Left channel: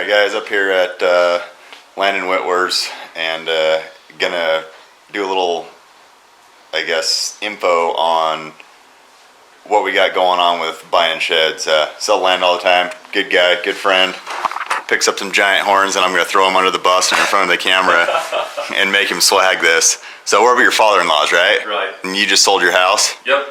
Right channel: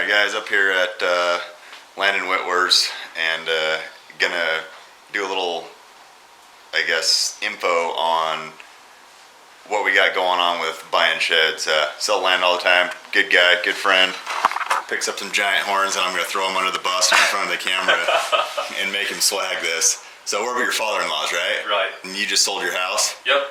Alright guys, up here at Landon Wittwer's, and gonna do a little, I guess, info on what we got going on with buying sheds. Sell land all the time, good guy, good friend, picks up some giant horns and I'm gonna throw him under the bus and in front of the camera and make him swag this. So we're over your father-in-law's, right? Right. And you just sold your house? Yep.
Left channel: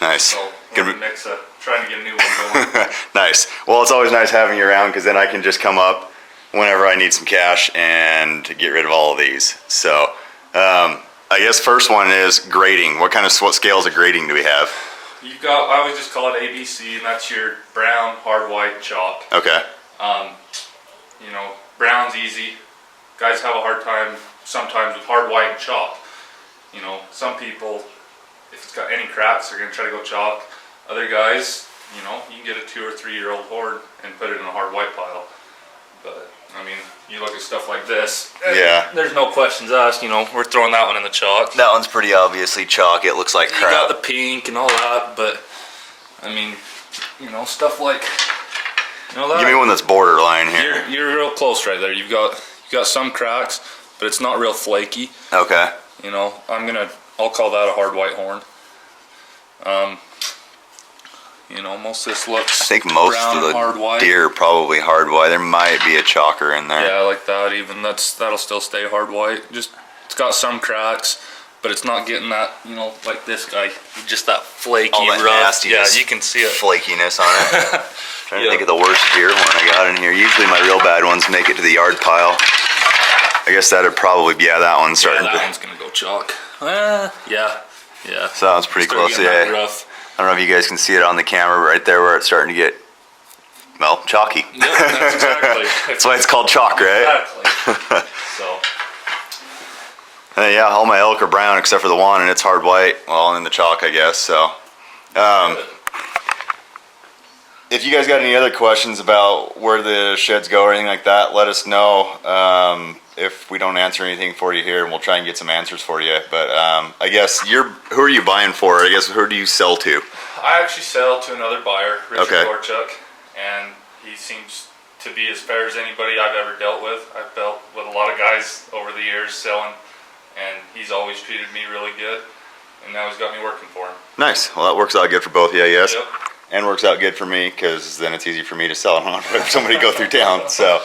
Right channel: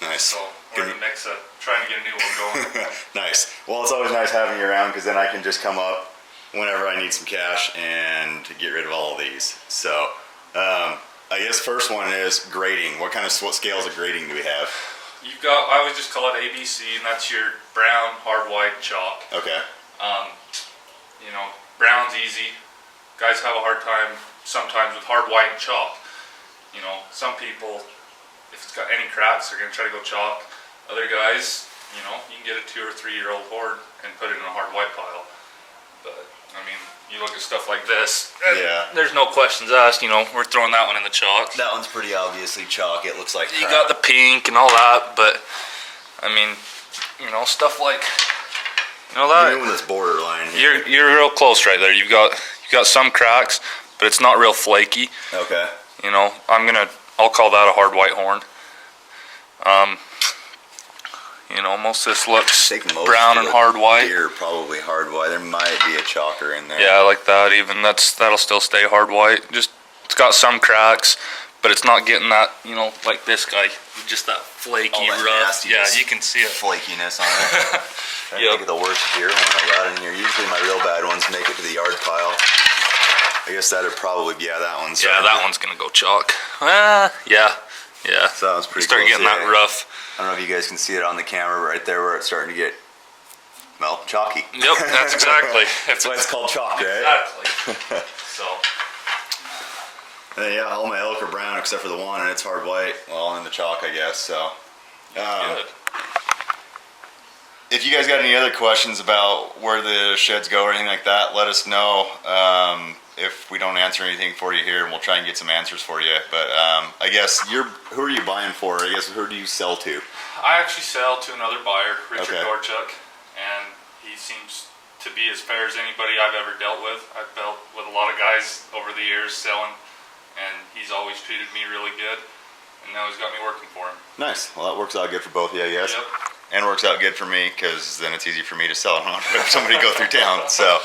Nice. So we're in the mix of trying to get a new one going. Nice. Well, it's always nice having you around because then I can just come up whenever I need some cash and get rid of all of these. So I guess first one is grading. What scales of grading do we have? You've got, I would just call it ABC, and that's your brown, hard white, chalk. Okay. You know, brown's easy. Guys have a hard time sometimes with hard white and chalk. You know, some people, if it's got any cracks, they're going to try to go chalk. Other guys, you know, you can get a 2 or 3 year old horde and put it in a hard white pile. But, I mean, you look at stuff like this. Yeah. There's no questions asked, you know, we're throwing that one in the chalk. That one's pretty obviously chalk. It looks like crap. You got the pink and all that, but, I mean, you know, stuff like, you know, that. Give me one that's borderline here. You're real close right there. You've got some cracks, but it's not real flaky. Okay. You know, I'll call that a hard white horn. You know, most of this looks I think most brown of the and hard white. deer are probably hard white. There might be a chalker in there. Yeah, like that. Even that'll still stay hard white. Just it's got some cracks, but it's not getting that. You know, like this guy, just that flaky, All that rough. Yeah, nastiness, you can see it. Flakiness on it. Trying to think of the worst deer one I got in here. Usually my real bad ones make it to the yard pile. I guess that'd probably be that one. Yeah, that one's gonna go chalk. Yeah. So that one's pretty Start close. getting that rough. I don't know if you guys can see it on the camera right there where it's starting to get, well, chalky. Yep, that's exactly. That's why it's called chalk, right? Exactly. So. Yeah, all my elk are brown except for the one, and it's hard white. Well, and then the chalk, I guess. So, if you guys got any other questions about where the sheds go or anything like that, let us know. If we don't answer anything for you here, and we'll try and get some answers for you. But I guess who are you buying for? I guess who do you sell to? I actually sell to another buyer, Richard Okay. Gorchuk, and he seems to be as fair as anybody I've ever dealt with. I've dealt with a lot of guys over the years selling, and he's always treated me really good, and now he's got me working for him. Nice. Well, that works out good for both of you, I guess. Yep. And works out good for me because then it's easy for me to sell. I don't have to have somebody go through town. So,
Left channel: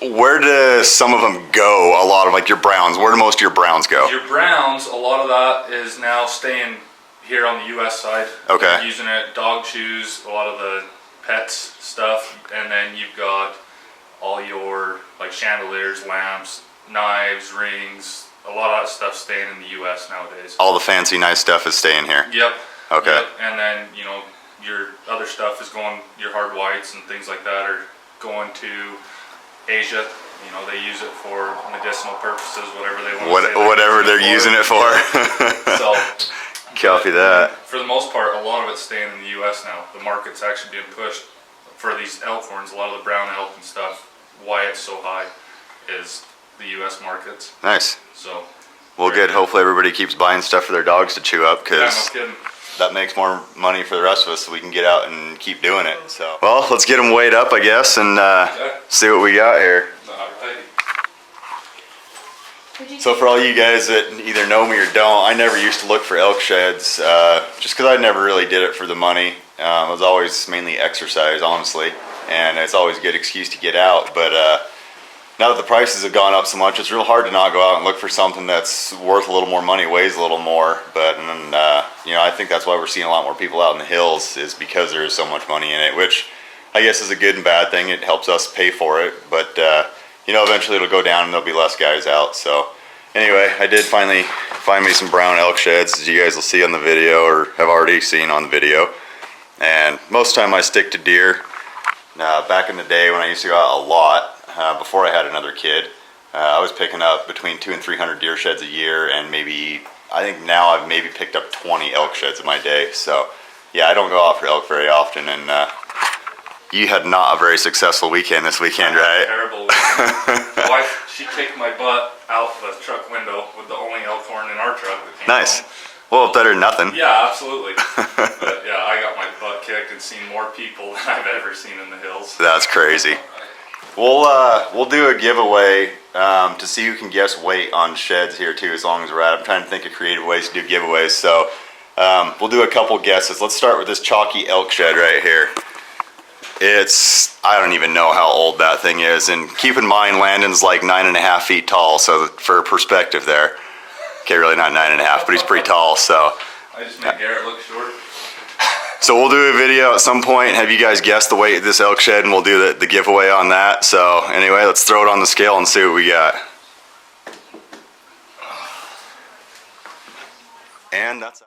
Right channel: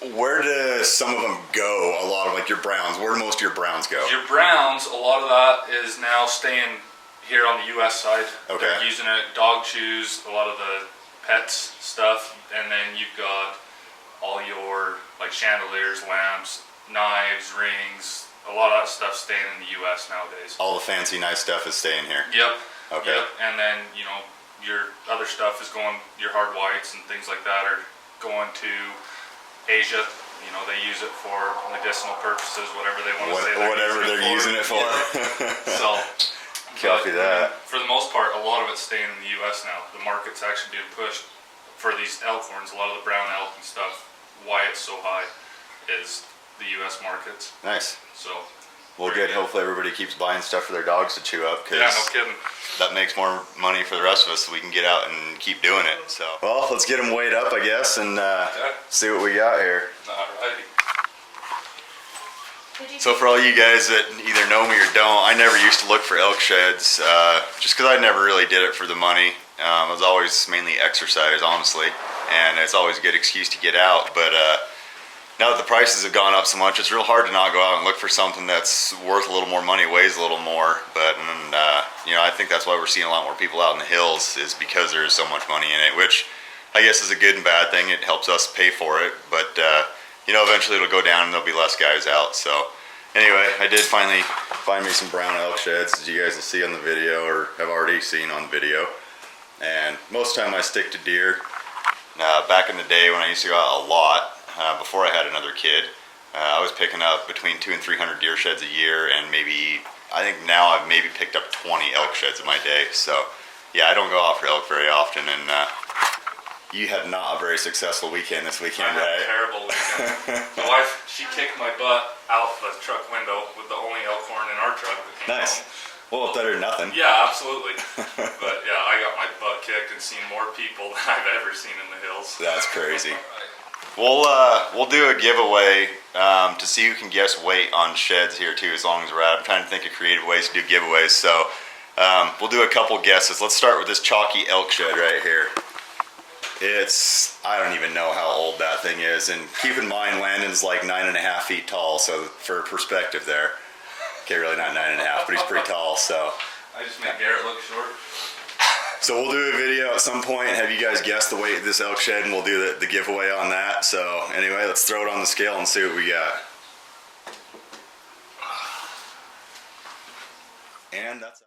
where do some of them go? A lot of like your browns. Where do most of your browns go? Your browns, a lot of that is now staying here on the U.S. side. Okay. They're using it, dog chews, a lot of the pets stuff, and then you've got all your like chandeliers, lamps, knives, rings. A lot of that stuff staying in the U.S. nowadays. All the fancy, nice stuff is staying here. Yep. Okay. Yep. And then, you know, your other stuff is going, your hard whites and things like that are going to Asia. You know, they use it for medicinal purposes, whatever they want to say. Whatever they're using it for. So, Copy that. For the most part, a lot of it's staying in the U.S. now. The market's actually being pushed for these elk horns. A lot of the brown elk and stuff, why it's so high is the U.S. markets. Nice. So. Well, good. Hopefully everybody keeps buying stuff for their dogs to chew up because yeah, no kidding. That makes more money for the rest of us so we can get out and keep doing it. So, well, let's get them weighed up, I guess, and see what we got here. Alrighty. So for all you guys that either know me or don't, I never used to look for elk sheds just because I never really did it for the money. It was always mainly exercise, honestly, and it's always a good excuse to get out. But now that the prices have gone up so much, it's real hard to not go out and look for something that's worth a little more money, weighs a little more. But you know, I think that's why we're seeing a lot more people out in the hills is because there is so much money in it, which I guess is a good and bad thing. It helps us pay for it, but you know, eventually it'll go down and there'll be less guys out. So anyway, I did finally find me some brown elk sheds, as you guys will see on the video or have already seen on the video. And most of the time I stick to deer. Back in the day when I used to go out a lot, before I had another kid, I was picking up between 200 and 300 deer sheds a year, and maybe, I think now I've maybe picked up 20 elk sheds in my day. So yeah, I don't go out for elk very often, and you had not a very successful weekend this weekend, right? Terrible weekend. My wife, she kicked my butt out the truck window with the only elk horn in our truck that came Nice. home. Well, better than nothing. Yeah, absolutely. But yeah, I got my butt kicked and seen more people than I've ever seen in the hills. That's crazy. We'll do a giveaway to see who can guess weight on sheds here too. As long as we're at, I'm trying to think of creative ways to do giveaways. So we'll do a couple guesses. Let's start with this chalky elk shed right here. I don't even know how old that thing is. And keep in mind, Landon's like 9.5 feet tall. So for perspective there, okay, really not 9.5, but he's pretty tall. So I just made Garrett look short. So we'll do a video at some point, have you guys guess the weight of this elk shed, and we'll do the giveaway on that. So anyway, let's throw it on the scale and see what we got. And that's